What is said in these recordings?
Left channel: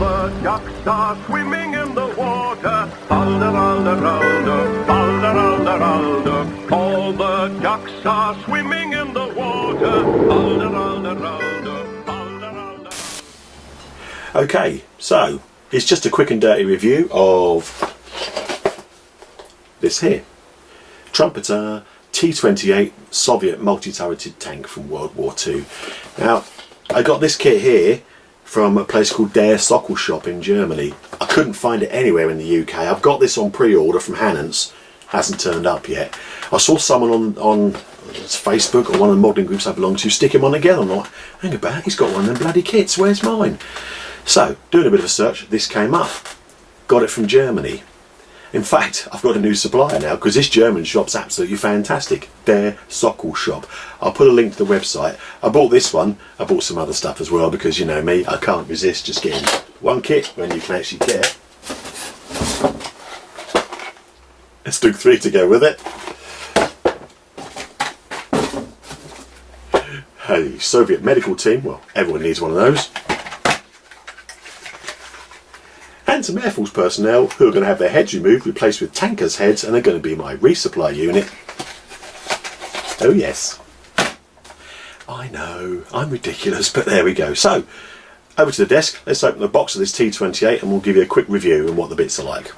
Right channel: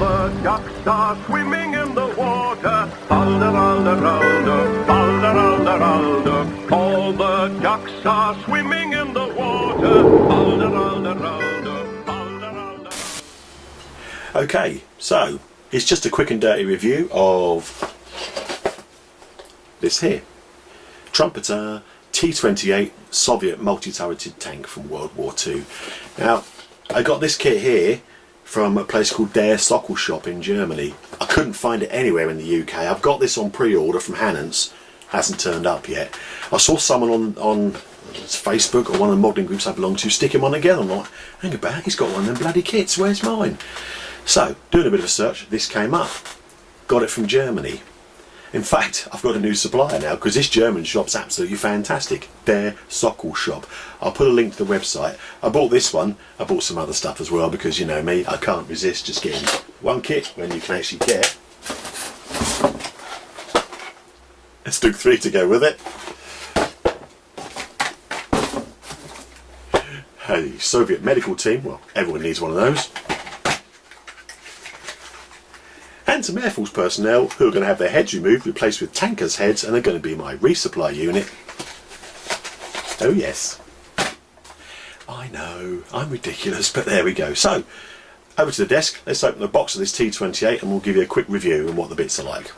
the ducks are swimming in the water. Balderalderalder, balderalderalder. All the ducks are swimming in the water. Balderalderalder, balderalder. Okay, so it's just a quick and dirty review of this here. Trumpeter T-28 Soviet multi-turreted tank from World War II. Now, I got this kit here from a place called Der Decals in Germany. I couldn't find it anywhere in the UK. I've got this on pre-order from Hannants. Hasn't turned up yet. I saw someone on Facebook or one of the modelling groups I belong to stick him on together. I'm like, hang about, he's got one of them bloody kits, where's mine? So, doing a bit of a search, this came up. Got it from Germany. In fact, I've got a new supplier now because this German shop's absolutely fantastic. Der Decals. I'll put a link to the website. I bought this one. I bought some other stuff as well because, you know me, I can't resist just getting one kit when you can actually care. Let's do 3 to go with it. A Soviet medical team. Well, everyone needs one of those. And some Air Force personnel who are going to have their heads removed, replaced with tankers' heads, and they're going to be my resupply unit. Oh yes. I know, I'm ridiculous, but there we go. So, over to the desk, let's open the box of this T-28 and we'll give you a quick review on what the bits are like.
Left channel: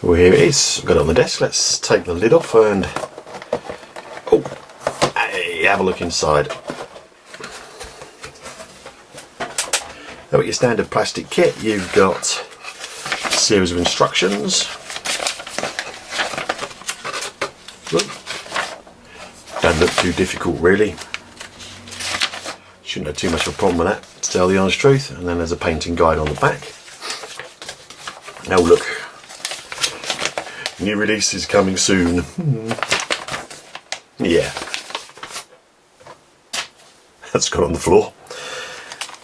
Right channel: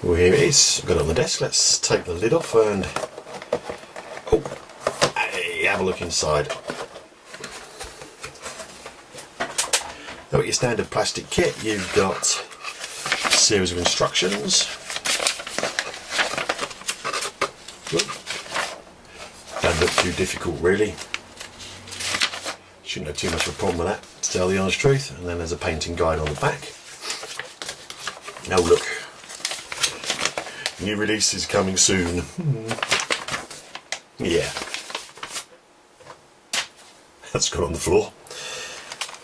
Well, here it is. I've got it on the desk. Let's take the lid off and hey, have a look inside. Now, with your standard plastic kit, you've got a series of instructions. Don't look too difficult, really. Shouldn't have too much of a problem with that, to tell the honest truth. And then there's a painting guide on the back. Now look, new releases coming soon. Yeah, that's gone on the floor.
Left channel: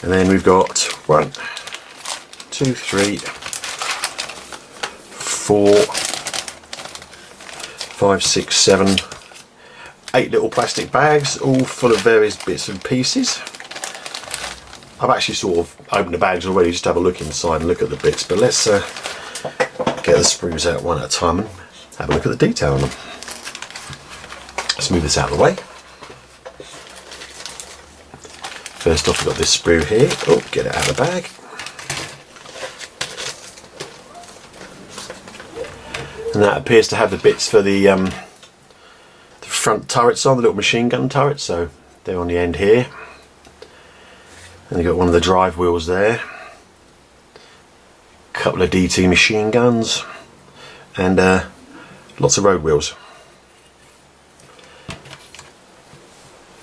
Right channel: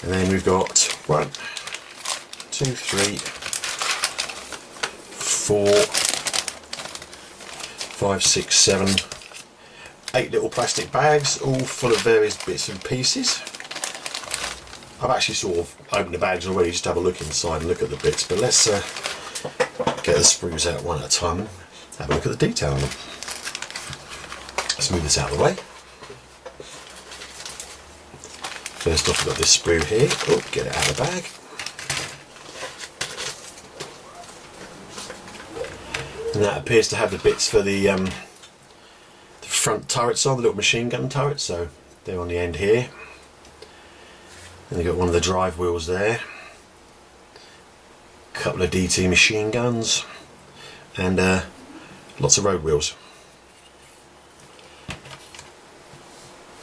And then we've got 1, 2, 3, 4, 5, 6, 7, 8 little plastic bags, all full of various bits and pieces. I've actually sort of opened the bags already just to have a look inside and look at the bits, but let's get the sprues out one at a time and have a look at the detail on them. Let's move this out of the way. First off, we've got this sprue here. Oh, get it out of the bag. And that appears to have the bits for the front turrets on, the little machine gun turrets, so they're on the end here. And you've got one of the drive wheels there. A couple of DT machine guns. And lots of road wheels.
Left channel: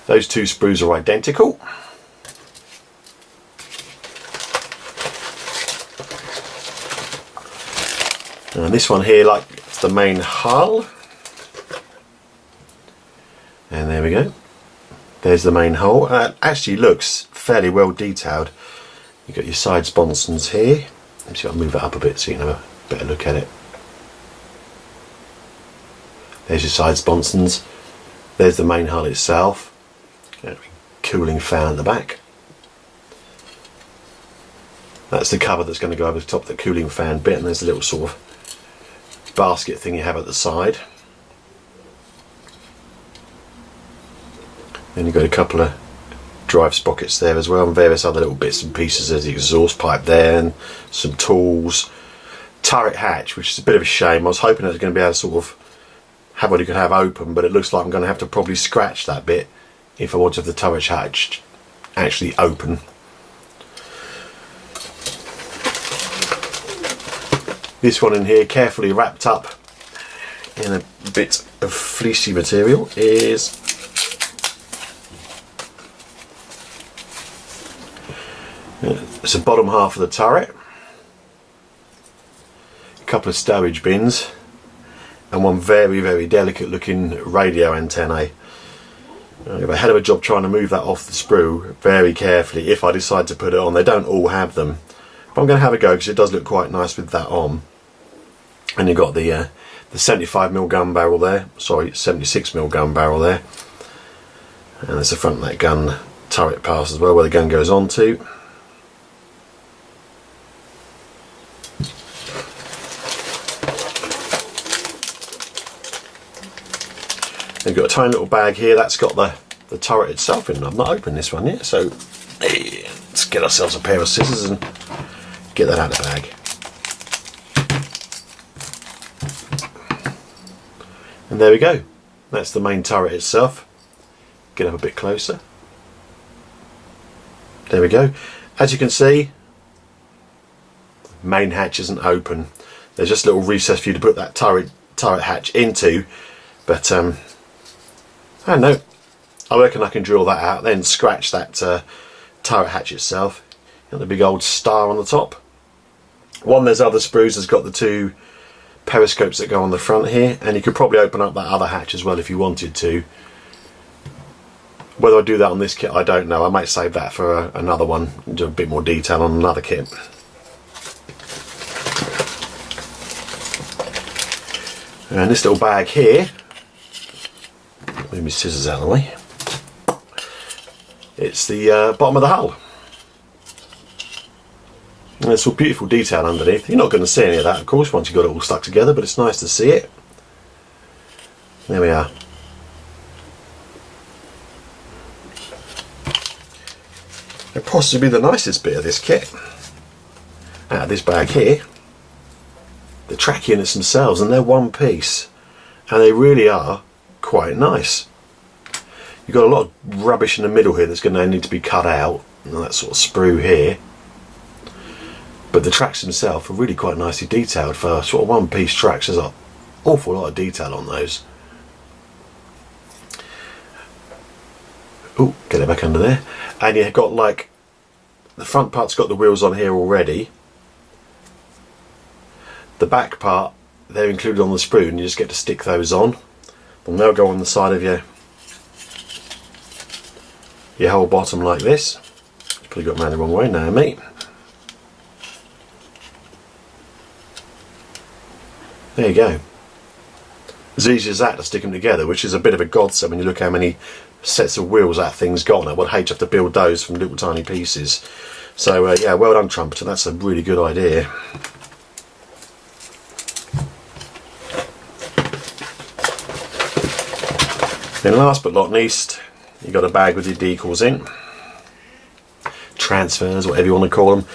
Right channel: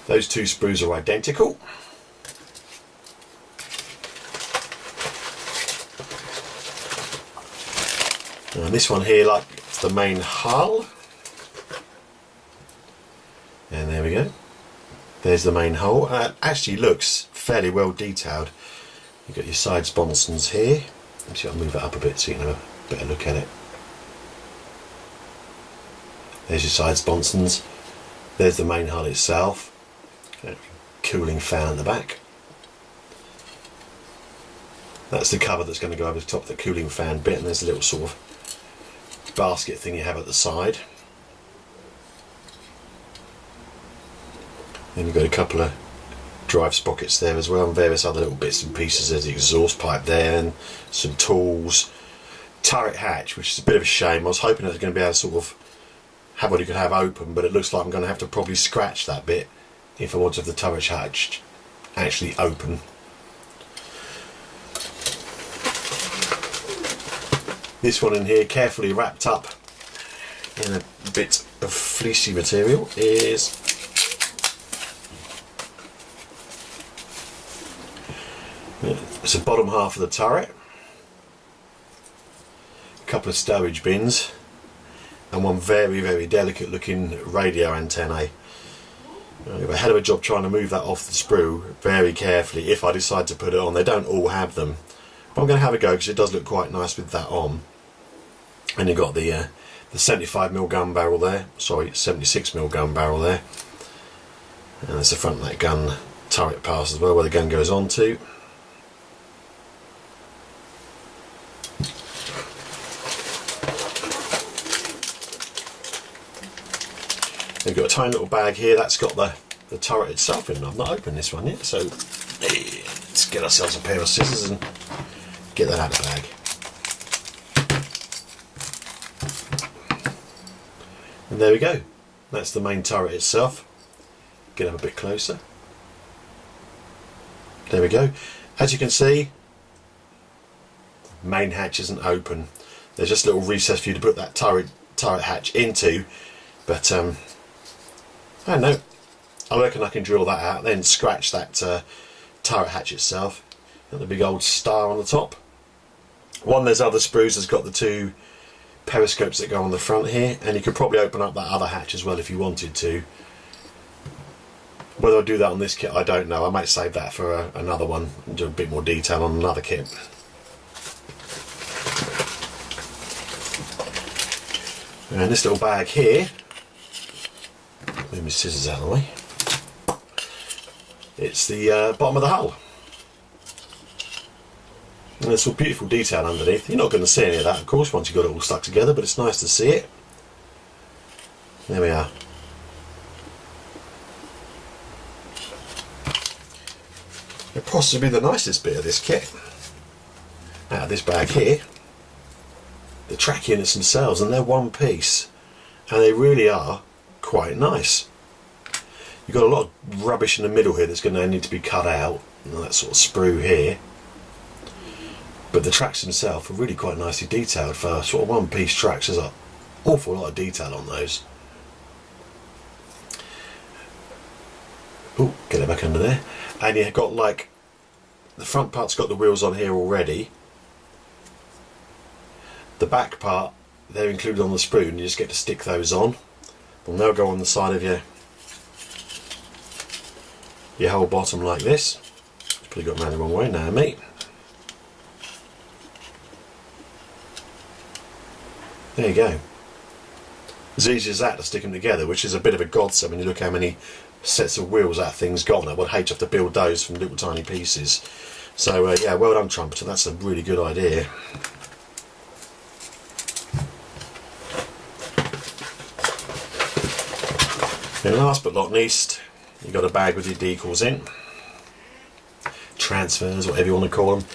Those 2 sprues are identical. And this one here, like, it's the main hull. And there we go. There's the main hull. Actually looks fairly well detailed. You've got your side sponsons here. Let me see if I move it up a bit so you can have a better look at it. There's your side sponsons. There's the main hull itself. Cooling fan at the back. That's the cover that's going to go over the top of the cooling fan bit, and there's a little sort of basket thing you have at the side. Then you've got a couple of drive sprockets there as well, and various other little bits and pieces. There's the exhaust pipe there, and some tools. Turret hatch, which is a bit of a shame. I was hoping I was going to be able to sort of have what you could have open, but it looks like I'm going to have to probably scratch that bit if I want to have the turret hatch actually open. This one in here, carefully wrapped up in a bit of fleecy material, is it's the bottom half of the turret, a couple of stowage bins, and one very delicate looking radio antennae. I have a hell of a job trying to move that off the sprue very carefully if I decide to put it on. They don't all have them, but I'm going to have a go because it does look quite nice with that on. And you've got the 75mm gun barrel there, sorry, 76mm gun barrel there, and there's the front of that gun turret pass as well, where the gun goes on to. We've got a tiny little bag here that's got the turret itself in. I've not opened this one yet, so let's get ourselves a pair of scissors and get that out of the bag. And there we go. That's the main turret itself. Get up a bit closer. There we go. As you can see, main hatch isn't open. There's just a little recess for you to put that turret hatch into, but I don't know. I reckon I can drill that out, then scratch that turret hatch itself. Got the big old star on the top. One of those other sprues has got the two periscopes that go on the front here, and you could probably open up that other hatch as well if you wanted to. Whether I do that on this kit, I don't know. I might save that for another one and do a bit more detail on another kit. And this little bag here, move my scissors out of the way, it's the bottom of the hull. And there's some beautiful detail underneath. You're not going to see any of that, of course, once you've got it all stuck together, but it's nice to see it. There we are. It'll possibly be the nicest bit of this kit. Out of this bag here, the track units themselves, and they're one piece, and they really are quite nice. You've got a lot of rubbish in the middle here that's going to need to be cut out, and that sort of sprue here. But the tracks themselves are really quite nicely detailed for sort of one piece tracks. There's an awful lot of detail on those. Oh, get it back under there. And you've got, like, the front part's got the wheels on here already. The back part, they're included on the sprue, and you just get to stick those on. And they'll go on the side of your whole bottom like this. Probably got them the wrong way now, mate. There you go. As easy as that to stick them together, which is a bit of a godsend when you look how many sets of wheels that thing's got. I would hate to have to build those from little tiny pieces. So yeah, well done, Trumpeter. That's a really good idea. Then last but not least, you've got a bag with your decals in. Transfers, whatever you want to call them.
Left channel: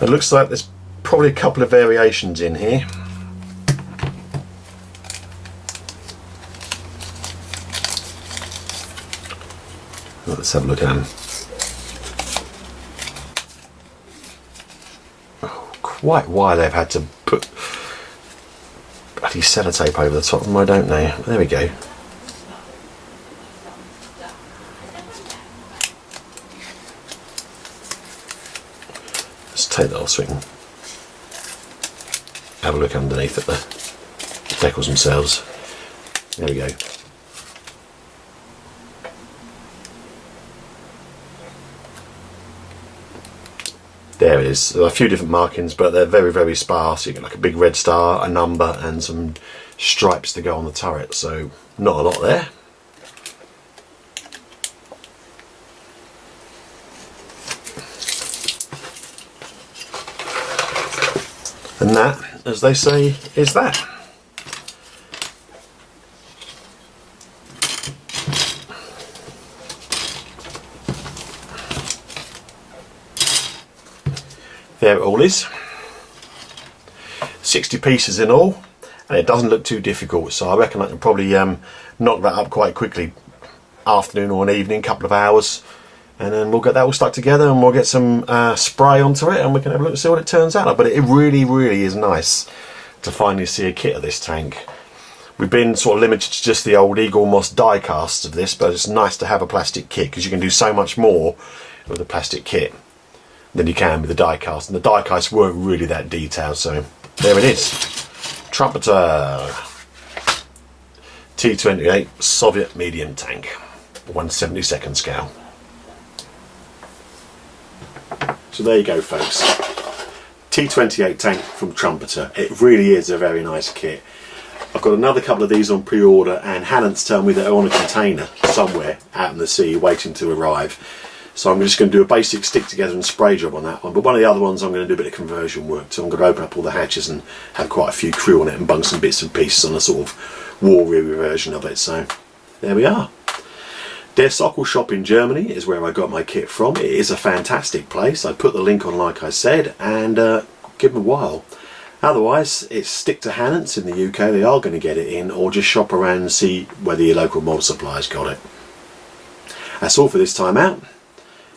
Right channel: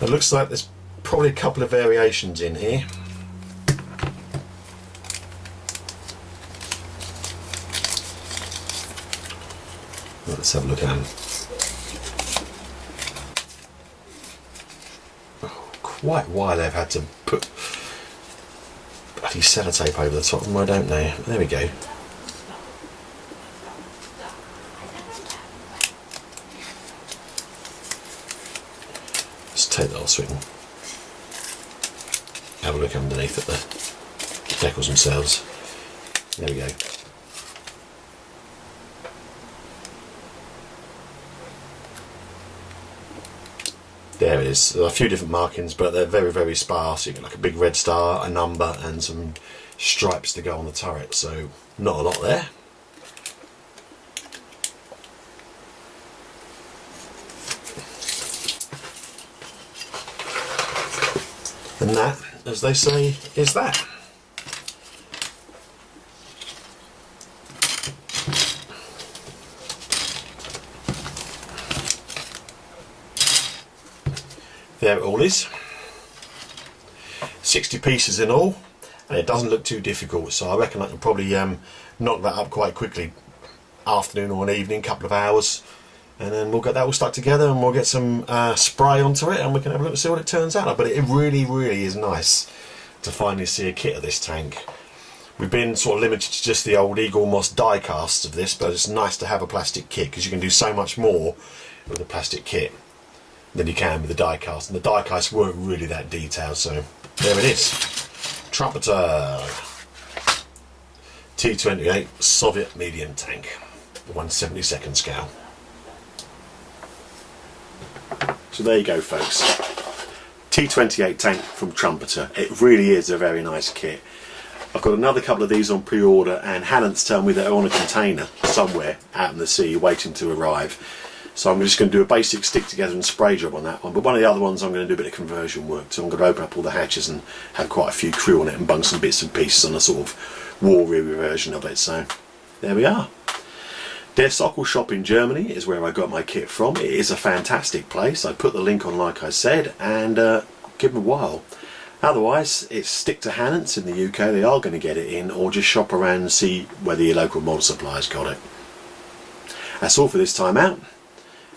It looks like there's probably a couple of variations in here. Let's have a look at them. Oh, quite why they've had to put bloody sellotape over the top of them, I don't know. There we go. Let's take that off so we can have a look underneath at the decals themselves. There we go. There it is. There are a few different markings, but they're very, very sparse. You get like a big red star, a number, and some stripes to go on the turret, so not a lot there. And that, as they say, is that. There it all is. 60 pieces in all, and it doesn't look too difficult, so I reckon I can probably knock that up quite quickly, afternoon or an evening, couple of hours, and then we'll get that all stuck together and we'll get some spray onto it and we can have a look and see what it turns out like. But it really, really is nice to finally see a kit of this tank. We've been sort of limited to just the old Eagle Moss die casts of this, but it's nice to have a plastic kit because you can do so much more with a plastic kit than you can with the die cast, and the die casts weren't really that detailed, so there it is. Trumpeter T-28 Soviet medium tank, 1/72nd scale. So there you go, folks. T-28 tank from Trumpeter. It really is a very nice kit. I've got another couple of these on pre-order, and Hannon's telling me they're on a container somewhere out in the sea waiting to arrive. So I'm just going to do a basic stick together and spray job on that one. But one of the other ones I'm going to do a bit of conversion work. So I'm going to open up all the hatches and have quite a few crew on it and bung some bits and pieces on a sort of war-weary version of it. So there we are. Der Sockel shop in Germany is where I got my kit from. It is a fantastic place. I put the link on like I said, and give them a while. Otherwise, it's stick to Hannants in the UK. They are going to get it in, or just shop around and see whether your local mod supplier's got it. That's all for this time out.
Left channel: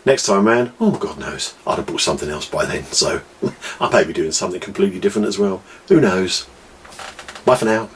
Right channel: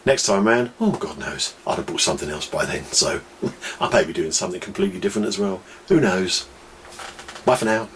Next time round, oh God knows, I'd have bought something else by then, so I may be doing something completely different as well. Who knows? Bye for now.